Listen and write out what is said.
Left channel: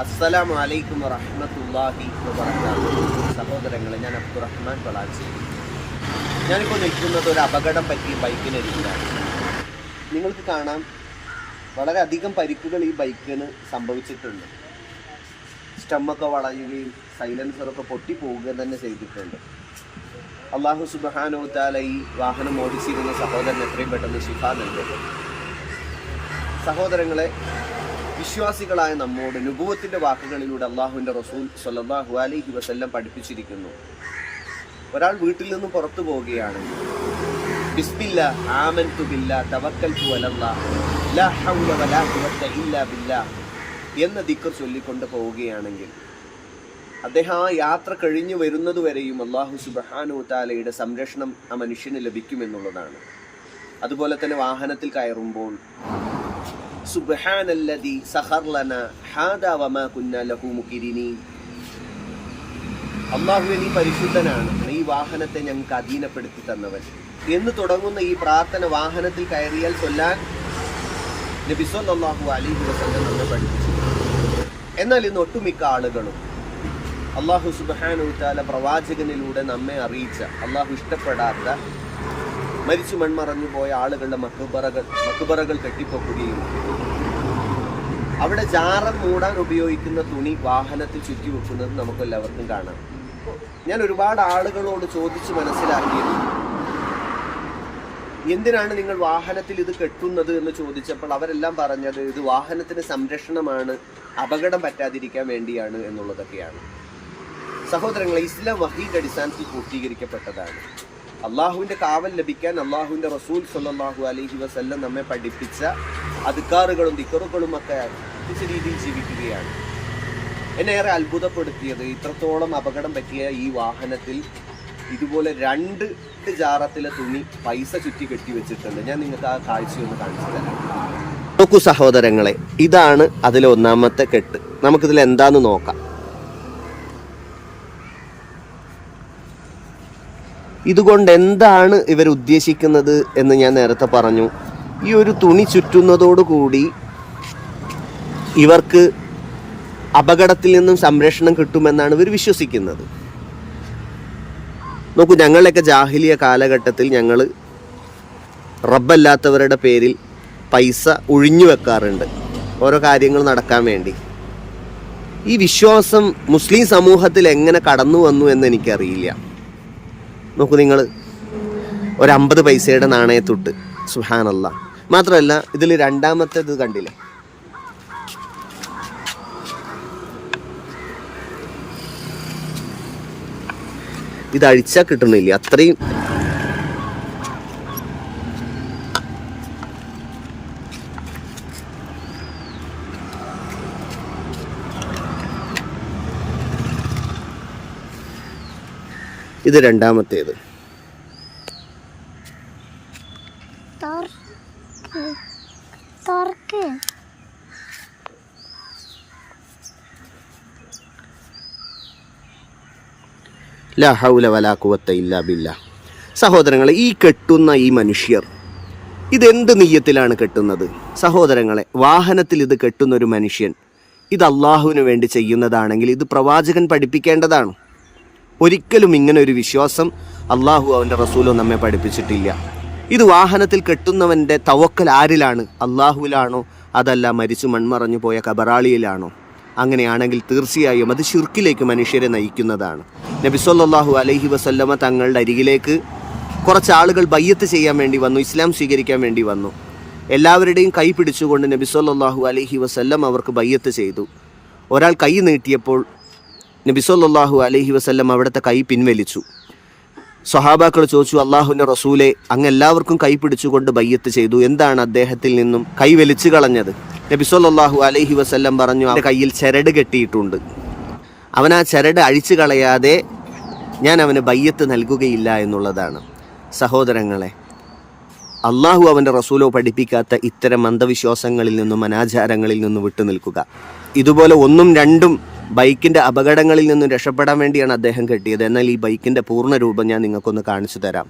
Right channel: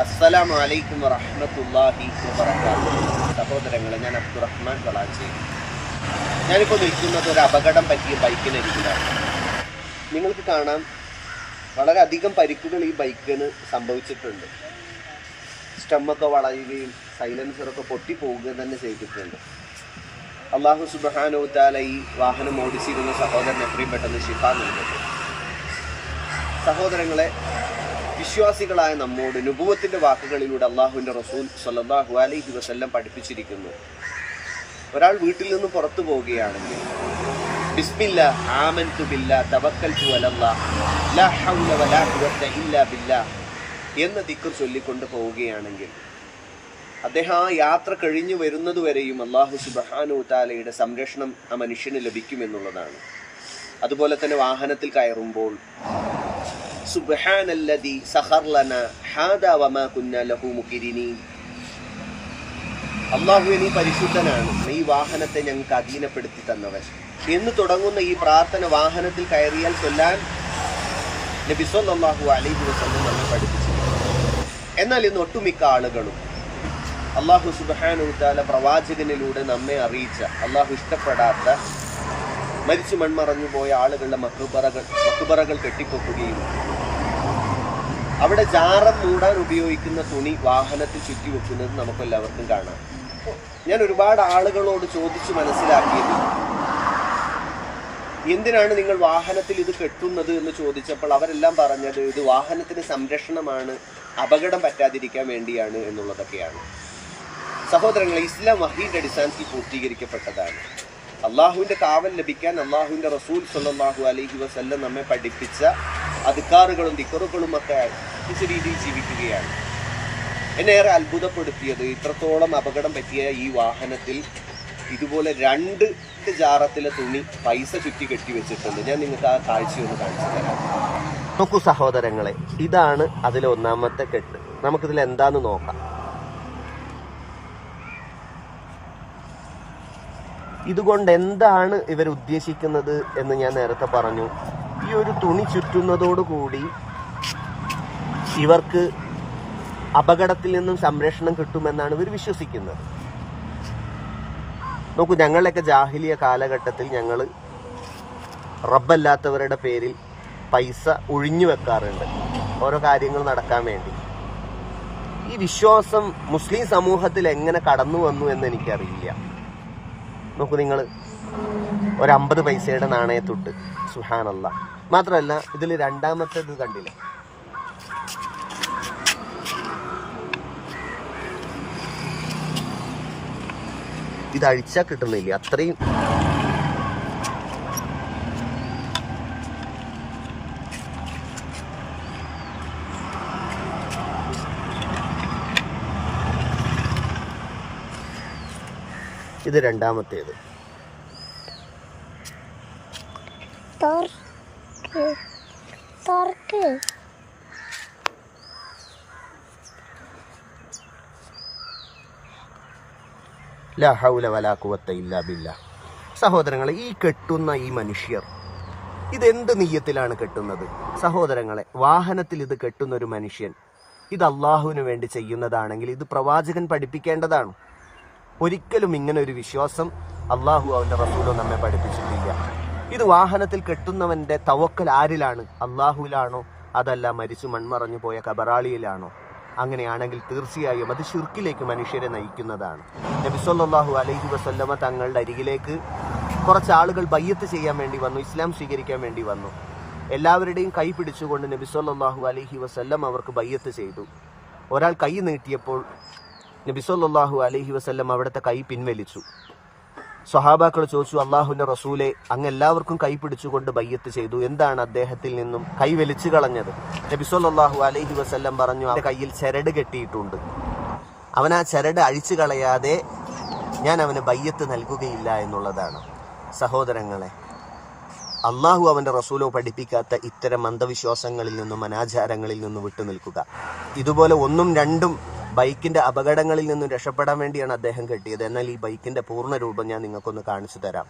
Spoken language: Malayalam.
അസ്സലാമു അലൈക്കും വറഹ്മത്തുള്ളാഹി വബറകാതുഹു. സഹോദരങ്ങളെ, ഞാൻ അബ്ദുറഹ്മാൻ കളാച്ചേരി. ഞാനിപ്പോൾ നിൽക്കുന്നത് ഒരു അപകടം പറ്റിയ ബൈക്കിനരികിലാണ്. നിങ്ങൾക്ക് കാണാം, വളരെയധികം പരിക്കുകൾ ഈ ബൈക്കിന് സംഭവിച്ചിട്ടുണ്ട്. സ്റ്റമ്മൊക്കെ വളയുകയും സൈലൻസറൊക്കെ പൊട്ടിപ്പോവുക തന്നെ ചെയ്തിട്ടുണ്ട്. അല്ലാഹു സുബ്ഹാനഹു വ തആല ഈ വാഹനം ഓടിച്ചിരുന്ന സഹോദരൻ എത്രയും പെട്ടെന്ന് ശിഫ നൽകട്ടെ. സഹോദരങ്ങളെ, വിശ്വാസികളായ നമ്മോട് നുബുവത്തിന്റെ വാക്കുകളിലൂടെ അള്ളാഹുവിന്റെ റസൂൽ സ്വല്ലല്ലാഹു അലൈഹി വസല്ലം പഠിപ്പിച്ചിരിക്കുന്നു. ഒരാൾ വീട്ടിൽ നിന്ന് പുറത്തു പോവുകയാണെങ്കിൽ ബിസ്മില്ലാഹ് ആമൻതു ബില്ലാഹ് തവക്കൽതു അലല്ലാഹ് ലാ ഹൗല വലാ ഖുവത ഇല്ലാ ബില്ലാഹ് എന്ന ദിക്ർ ചൊല്ലിക്കൊണ്ട് പോവുകയാണെങ്കിൽ അദ്ദേഹം ആ യാത്ര കഴിഞ്ഞു വരുന്നതുവരെയും അല്ലാഹു സുബ്ഹാനഹു വ തആലയുടെ സംരക്ഷണം ആ മനുഷ്യന് ലഭിക്കുമെന്നുള്ളതാണ്. അതുപോലെ തന്നെ വാഹനത്തിൽ കയറുമ്പോൾ സുബ്ഹാനല്ലദീ സഖർ ലനാ ഹാദാ വമാ കുന്നാ ലഹു മുഖ്രിനീൻ, അല്ലാഹുവേ നീ പരിശുദ്ധനാണ്, നീ വാഹനത്തെ ഞങ്ങൾക്ക് അധീനപ്പെടുത്തി തന്നവൻ എന്ന് തുടങ്ങുന്ന ഈ പ്രാർത്ഥന വാഹനത്തിൽ കയറിയാൽ ചൊല്ലാൻ നബി സല്ലല്ലാഹു അലൈഹി വസല്ലം നമ്മെ പഠിപ്പിച്ചിട്ടുണ്ട്. എന്നാൽ ഇന്ന് ഒട്ടുമിക്ക ആളുകളും അല്ലാഹു സുബ്ഹാനഹു വ തആല പ്രവാചകനിലൂടെ നമ്മെ അറിയിച്ച, അല്ലാഹു ഇഷ്ടപ്പെടാത്ത, മരിച്ചു മൺമറഞ്ഞു പോയ ആളുകളുടെ മക്ബറകൾ കെട്ടിപ്പൊക്കുകയും അവിടെ ജാറം മൂടാൻ ഉപയോഗിക്കുന്ന തുണി വാഹനത്തിൽ ചുറ്റിവെക്കുന്നത് നമുക്കെല്ലാവർക്കും കാണാം. ഞാൻ ഒരുപാട് ആളുകളോട് ചോദിച്ച് മനസ്സിലാക്കിയത്, എന്തിനാണ് നിങ്ങൾ വാഹനത്തിൽ ഇത് കെട്ടുന്നത് എന്ന് ചോദിച്ചപ്പോൾ അവരെല്ലാം പറഞ്ഞത് ഇത് വാഹനത്തിന് സംരക്ഷണമാണ്, അപകടം പറ്റാതിരിക്കാൻ വേണ്ടിയാണ് എന്നുള്ളതൊക്കെയാണ്. സഹോദരങ്ങളെ, ഇസ്ലാം വഹീന്റെ അടിസ്ഥാനത്തിൽ പൂർത്തീകരിക്കപ്പെട്ടതാണ്. അള്ളാഹുവിന്റെ കാവൽ ലഭിക്കാൻ അള്ളാഹുവിന്റെ റസൂൽ സ്വല്ലല്ലാഹു അലൈഹി വസല്ലം നമ്മെ പഠിപ്പിച്ച അദ്കാറുകളും ദിക്റുകളും ഒക്കെ ഈ രീതിയിൽ ജീവിക്കുകയാണ്. എന്നെ ഏറെ അത്ഭുതപ്പെടുത്തിയത്, ഇത്രത്തോളം അപകടം പറ്റിയ ഈ വാഹനത്തിൽ ഇതുപോലെ 2 ജാറത്തിലെ തുണി പൈസ ചുറ്റി കെട്ടി വെച്ചിട്ടുണ്ട്. ഞാൻ നിങ്ങൾക്ക് ആ കാഴ്ചയൊന്ന് കാണിച്ചു തരാം. നോക്കൂ സഹോദരങ്ങളെ, ഇതാണ് അതിലെ ഒന്നാമത്തെ കെട്ട്. നമുക്കിതിൽ എന്താന്ന് നോക്കാം. ഇതുകൊണ്ട് എന്താണ് ഇവർ ഉദ്ദേശിക്കുന്നത് എന്ന് ഞാൻ നേരത്തെ പറഞ്ഞു. ഈ ഒരു തുണി ചുറ്റുന്നതോടുകൂടി ഇവർക്ക് അപകടത്തിൽ നിന്നും സംരക്ഷണം കിട്ടുമെന്നാണ് ഇവർ വിശ്വസിക്കുന്നത്. നോക്കൂ, ഞങ്ങളൊക്കെ ജാഹിലിയ കാലഘട്ടത്തിൽ ഞങ്ങൾ റബ്ബല്ലാത്തവരുടെ പേരിൽ പൈസ ഒഴിഞ്ഞു വെക്കാറുണ്ട് ഓരോ കാര്യങ്ങൾ നടക്കാൻ വേണ്ടി. ഈ വിശ്വാസം മുസ്ലിം സമൂഹത്തിൽ എങ്ങനെ കടന്നു വന്നു എന്ന് എനിക്കറിയില്ല. നോക്കൂ, നിങ്ങൾ ഒരു 50 പൈസയുടെ നാണയത്തൊട്ട്, സുബ്ഹാനല്ലാഹ്. മാത്രമല്ല, ഇതിൽ രണ്ടാമത്തേത് കണ്ടില്ലേ, ഇത് അഴിച്ചാൽ കിട്ടുന്നില്ല അത്രയും. ഇത് രണ്ടാമത്തേത്. ലാ ഹൗല വലാ ഖുവത ഇല്ലാ ബില്ലാഹ്. സഹോദരങ്ങളെ, ഈ കെട്ടുന്ന ഈ മനുഷ്യർ ഇതെന്ത് നിയ്യത്തിലാണ് കെട്ടുന്നത്? സഹോദരങ്ങളെ, വാഹനത്തിൽ ഇത് കെട്ടുന്ന ഒരു മനുഷ്യൻ ഇത് അള്ളാഹുവിന് വേണ്ടി ചെയ്യുന്നതാണെങ്കിൽ ഇത് പ്രവാചകൻ പഠിപ്പിക്കേണ്ടതാണ്. ഒരിക്കലും ഇങ്ങനെ ഒരു വിശ്വാസം അള്ളാഹു അവൻ്റെ റസൂലോ നമ്മെ പഠിപ്പിച്ചിട്ടില്ല. ഇത് വാഹനത്തിൽ കെട്ടുന്നവൻ്റെ തവക്കൽ ആരിലാണ്? അള്ളാഹുവിലാണോ അതല്ല മരിച്ചു മൺമറഞ്ഞു പോയ കബറാളിയിലാണോ? അങ്ങനെയാണെങ്കിൽ തീർച്ചയായും അത് ശിർക്കിലേക്ക് മനുഷ്യരെ നയിക്കുന്നതാണ്. നബി സല്ലല്ലാഹു അലൈഹി വസല്ലമ തങ്ങളുടെ അരികിലേക്ക് കുറച്ച് ആളുകൾ ബയ്യത്ത് ചെയ്യാൻ വേണ്ടി വന്നു, ഇസ്ലാം സ്വീകരിക്കാൻ വേണ്ടി വന്നു. എല്ലാവരുടെയും കൈ പിടിച്ചുകൊണ്ട് നബി സല്ലല്ലാഹു അലൈഹി വസല്ലം അവർക്ക് ബയ്യത്ത് ചെയ്തു. ഒരാൾ കൈ നീട്ടിയപ്പോൾ നബി സല്ലല്ലാഹു അലൈഹി വസല്ലം അവിടുത്തെ കൈ പിൻവലിച്ചു. സ്വഹാബാക്കൾ ചോദിച്ചു, അള്ളാഹുവിൻ്റെ റസൂലെ, അങ്ങ് എല്ലാവർക്കും കൈ പിടിച്ചുകൊണ്ട് ബയ്യത്ത് ചെയ്തു, എന്താണ് അദ്ദേഹത്തിൽ നിന്നും കൈ വലിച്ചു കളഞ്ഞത്? നബി സല്ലല്ലാഹു അലൈഹി വസല്ലം പറഞ്ഞു, അവൻ്റെ കയ്യിൽ ചരട് കെട്ടിയിട്ടുണ്ട്, അവൻ ആ ചരട് അഴിച്ചു കളയാതെ ഞാൻ അവന് ബയ്യത്ത് നൽകുകയില്ല എന്നുള്ളതാണ്. സഹോദരങ്ങളെ, അള്ളാഹു അവൻ്റെ റസൂലോ പഠിപ്പിക്കാത്ത ഇത്തരം അന്ധവിശ്വാസങ്ങളിൽ നിന്നും അനാചാരങ്ങളിൽ നിന്നും വിട്ടുനിൽക്കുക. ഇതുപോലെ 1ഉം 2ഉം ബൈക്കിൻ്റെ അപകടങ്ങളിൽ നിന്നും രക്ഷപ്പെടാൻ വേണ്ടിയാണ് അദ്ദേഹം കെട്ടിയത്. എന്നാൽ ഈ ബൈക്കിൻ്റെ പൂർണ്ണ രൂപം ഞാൻ നിങ്ങൾക്കൊന്ന് കാണിച്ചു തരാം.